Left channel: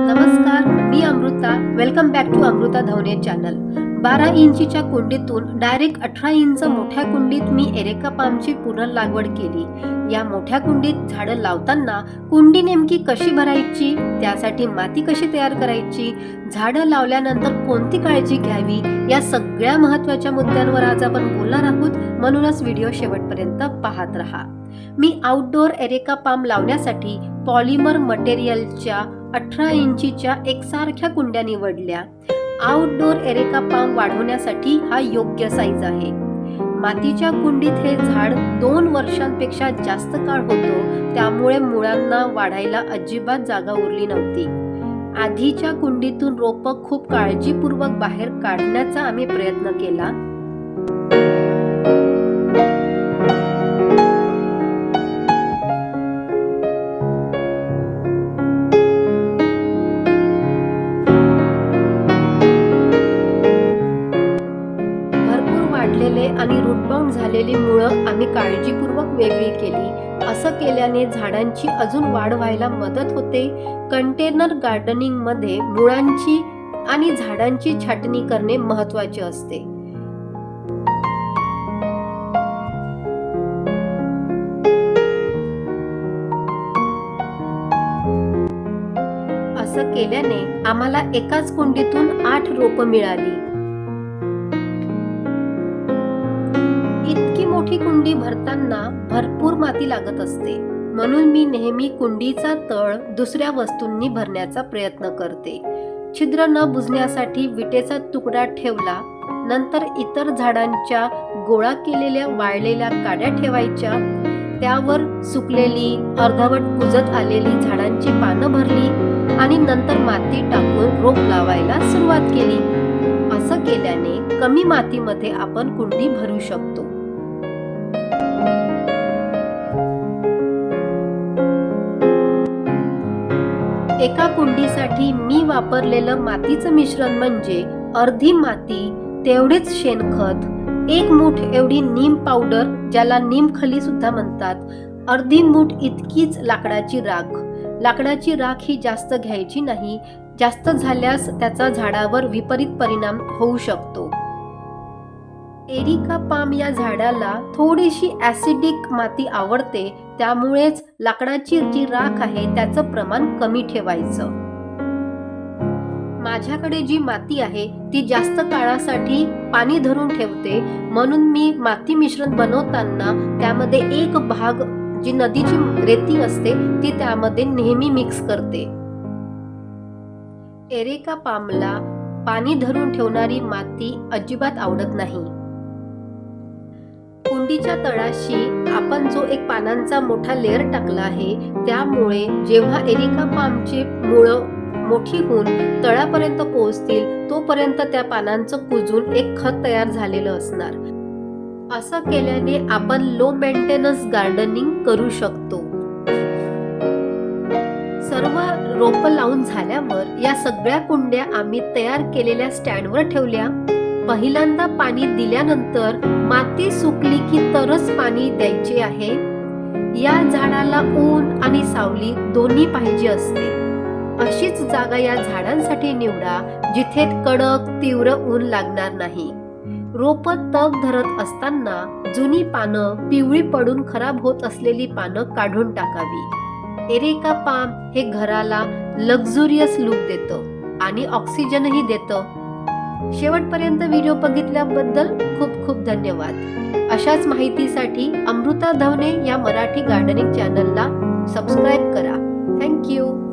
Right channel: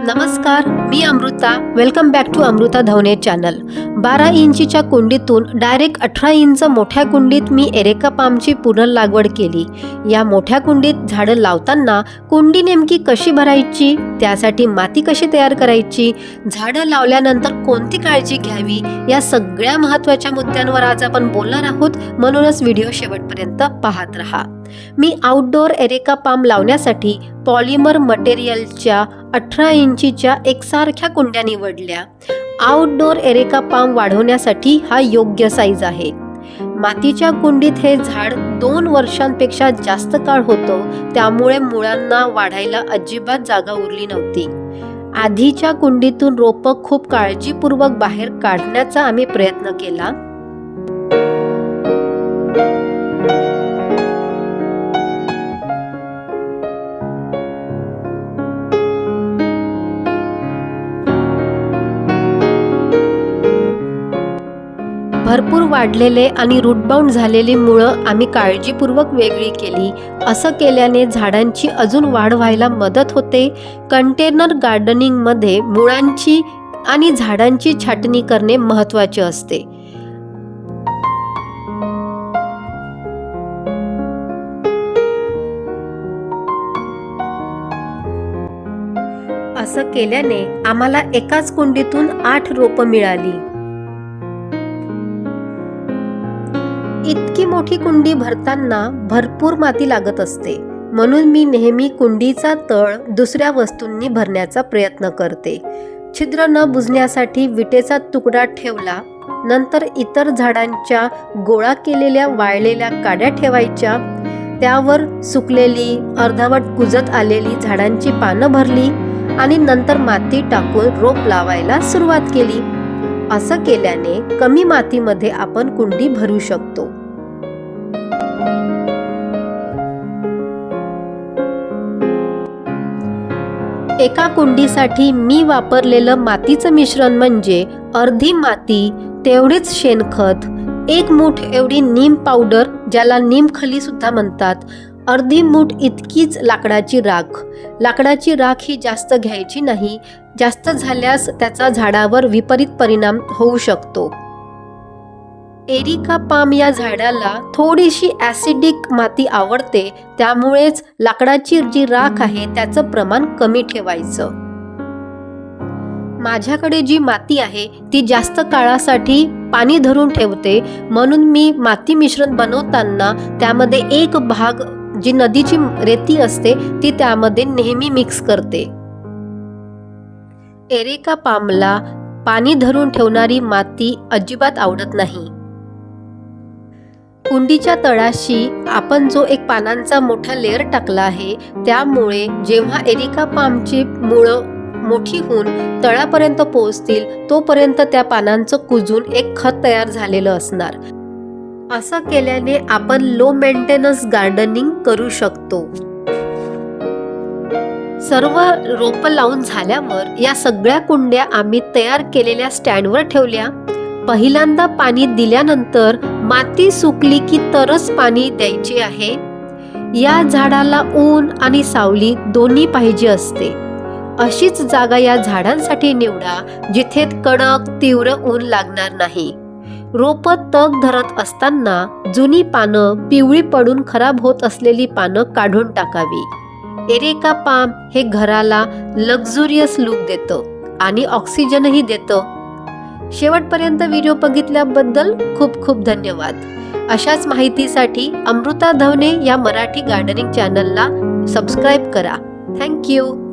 नमस्कार मी Amruta. Welcome back to Amruta Dhawane channel बारा इंचीच्या कुंडीतून डायरेक्ट अठरा इंच मोठ्या कुंडीत मी एरेका पामची पुनर्लागवड केली. या मोठ्या कुंडीत झाडं लावताना कुंडी नेमकी कशी भरायची? त्यासाठी माती कशी तयार करायची? झाडं लावल्यानंतर कोणती काळजी घ्यावी? या सगळ्या महत्त्वाच्या मुद्द्यांवर आज आपण बोलणार आहोत. म्हणूनच व्हिडिओ शेवटपर्यंत पाहत राहा. मी आउटडोअर एरेका पाम लावण्यासाठी पॉलिमर मटेरियलच्या अठरा इंचीच्या एकसारख्या कुंड्या निवडल्या. आउटडोर एरेका पाम वाढवण्यासाठी हा योग्य साईज आहे. मातीच्या कुंडीत हे झाड दोन वर्षांपेक्षा जास्त काळ होतं. त्यामुळे मुळांना वाढायला अजिबात जागा उरली नव्हती. आधीच्या कुंडीतून रोपं खूप काळजीपूर्वक बाहेर काढण्याचा आम्ही प्रयत्न केला. वाढलेले आणि रूटबाउंड झालेली मुळं आम्ही काळजीपूर्वक वेगळी केली. असं केल्याने झाडांची अजून वाढ व्हायला मदत होते. कंटेनर गार्डनिंगमध्ये मुळांची आणि झाडांची छाटणी करणे महत्त्वाचे असते. असं केल्याने आम्हाला एकाच कुंडीतून आठ रोपं मिळाली. इतकी मोठी कुंडी भरताना भरपूर माती लागत असते. म्हणून मी नेहमी कुंडीचा तळ दुसऱ्या वस्तूंनी भरण्याचा प्रयत्न करते. छिद्र न बुजण्यासाठी विटेचा तुकडा ठेवला नंतर इतर झाडांच्या गोळा केलेल्या वाळलेल्या काड्या ठेवायच्या त्यावर सुकलेली अर्धावट कुजत आलेली झाडांची पानं भरली आणि नंतर माती टाकून रोप लावायला सुरुवात केली. असं केल्याने कमी मातीमध्ये आपण कुंडी भरू शकतो. एका कुंडीसाठी मी वापरलेलं मातीचं मिश्रण म्हणजे अर्धी माती तेवढीच शेणखत एक मूठ एवढी नीम पावडर ज्याला नीमखली सुद्धा म्हणतात. अर्धी मूठ इतकीच लाकडाची राख. लाकडाची राख ही जास्त घ्यायची नाही. जास्त झाल्यास त्याचा झाडावर विपरीत परिणाम होऊ शकतो. एरिका पाम या झाडाला थोडीशी ॲसिडिक माती आवडते त्यामुळेच लाकडाची जी राख आहे त्याचं प्रमाण कमी ठेवायचं. माझ्याकडे जी माती आहे ती जास्त काळासाठी पाणी धरून ठेवते म्हणून मी माती मिश्रण बनवताना त्यामध्ये एक भाग जी नदीची रेती असते ती त्यामध्ये नेहमी मिक्स करते. एरेका पामला पाणी धरून ठेवणारी माती अजिबात आवडत नाही. कुंडीच्या तळाशी आपण जो एक पानांचा मोठा लेअर टाकला आहे त्यामुळे जेव्हा एरिका पामची मुळं मोठी होऊन तळापर्यंत पोहोचतील तोपर्यंत त्या पानांचं कुजून एक खत तयार झालेलं असणार. असं केल्याने आपण लो मेंटेनन्स गार्डनिंग करू शकतो. सर्व रोपं लावून झाल्यावर या सगळ्या कुंड्या आम्ही तयार केलेल्या स्टँडवर ठेवल्या. पहिल्यांदा पाणी दिल्यानंतर माती सुकली की तरच पाणी द्यायचे आहे. या झाडाला ऊन आणि सावली दोन्ही पाहिजे असते. अशीच जागा या झाडांसाठी निवडा जिथे कडक तीव्र ऊन लागणार नाही. रोप तग धरत असताना जुनी पानं पिवळी पडून खराब होत असलेली पानं काढून टाकावी. एरेका पाम हे घराला लक्झुरियस लुक देतं आणि ऑक्सिजनही देतं. शेवटपर्यंत व्हिडिओ बघितल्याबद्दल खूप खूप धन्यवाद. अशाच माहितीसाठी अमृता धवने या मराठी गार्डनिंग चॅनलला सबस्क्राईब करा. Thank you